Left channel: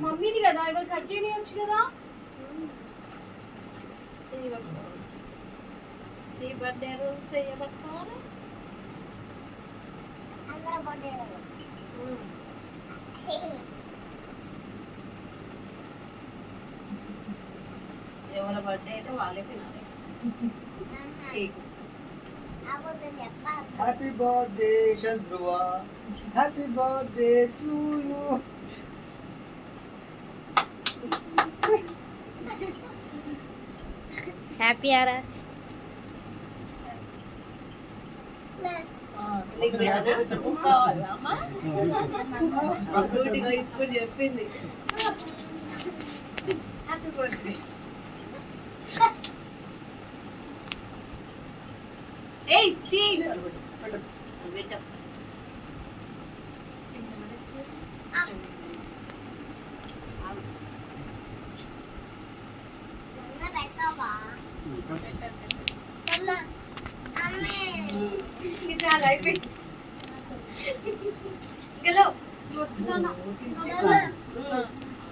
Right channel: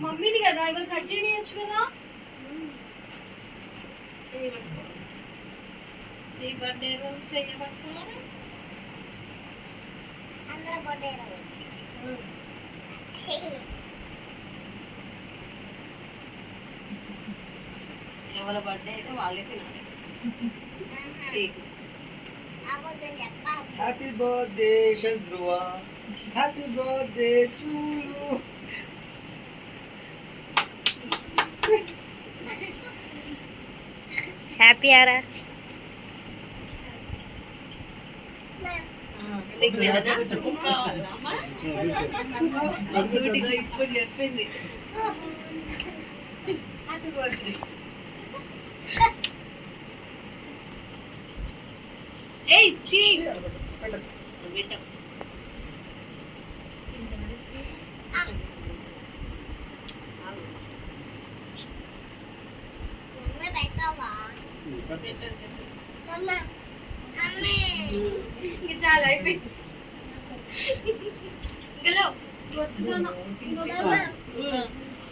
మమ్మీది కదా కట్ చేయనియచ్చు కదా. నీ బర్త్డే రోజు చెయ్యబట్టాను అందరూ బర్త్డే ఎవరి బర్త్డే అయితే వాళ్ళే తినాలి కేక్ అబద్ధం చెప్పాలి happy birthday శత్రువ happy birthday to you happy Aara నీకు ఏదైనా కావాలా అమ్మా డ్యూటీగా ఇప్పుడు చెప్పింది హ్యాపీ బర్త్డే ఏయ్ చీ. చాలా అయిపోయింది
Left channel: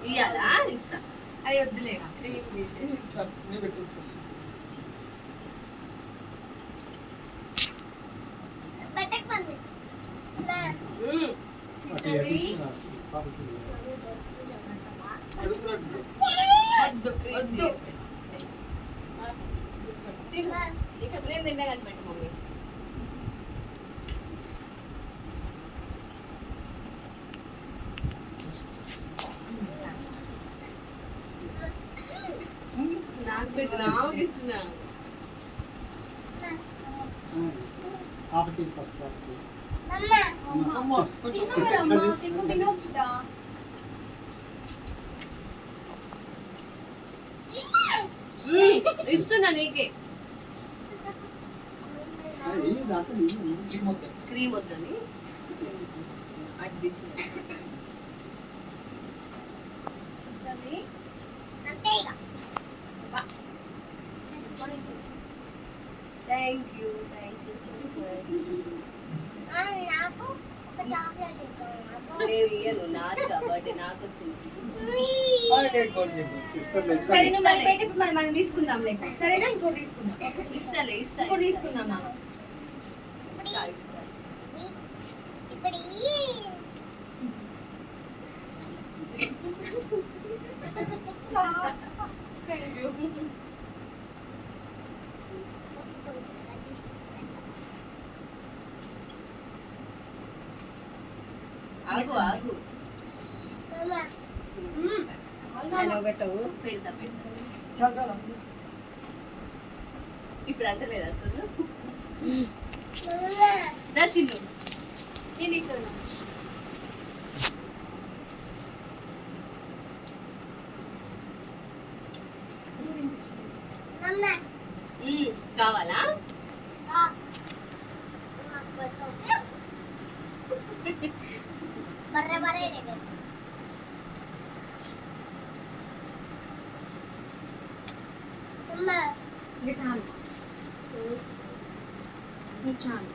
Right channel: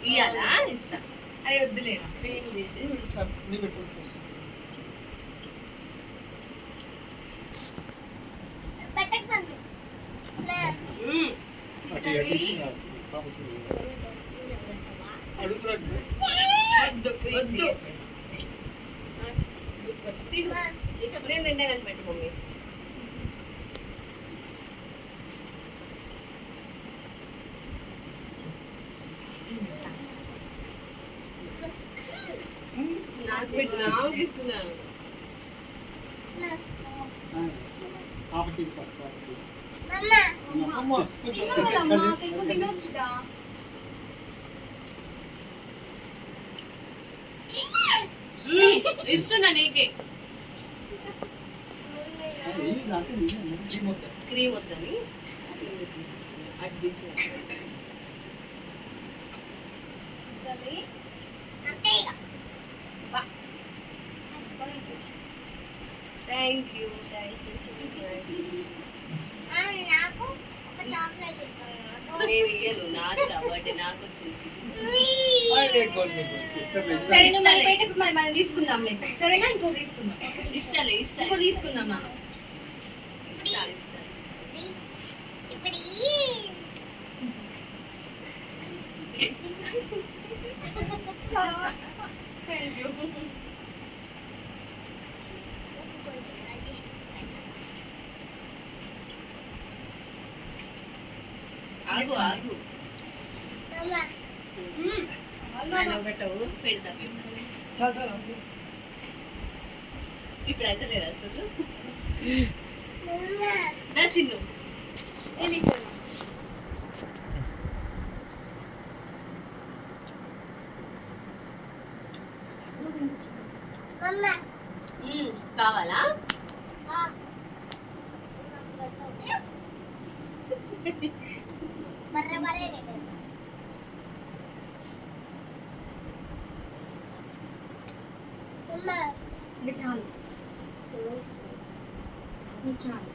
ఇయ్యాలా? ఇస్తా. అది వద్దులే. క్రీమ్ తీసేసి వద్దు వద్దు తిను. నేను తింటా మమ్మీ నాకు పెట్టు నాకు ఇస్తున్నా ఆపటి ఫస్ట్ ఆపటి అమ్మ కొంచెం. ఇస్తున్నా నీకే. క్రీమ్ వద్దని అది తీసేసి. అంతే ఇక thank you thank you so much ఆ, నాకు ఒక చాక్లెట్ ఇస్తాను నాకు నేను ఇయ్యను నాది కాబట్టి నాకు వచ్చింది. సరే నువ్వు మనం తీసుకుందాం లేక సరేనా ఇంకోటి తీసుకుందాం. ఇస్తాలే ఇస్తా తీసుకుందాం ఇస్తా ఇస్తా ఇప్పుడు. ఈ థ్యాంక్ యూ కొంచెం adjust పెట్టు. ఆగు ఆగు. పెట్టవు పెడతా పెడతా. ఇప్పుడు అంటలేదు అసలు. నా చిన్ను. నేను ఇస్తాను. కావాలా? ఆ. నాకు పెట్టు. బర్రె బర్రె తెగేస్తా. మమ్మ ఇంకా చాలు ఇంకా చాలు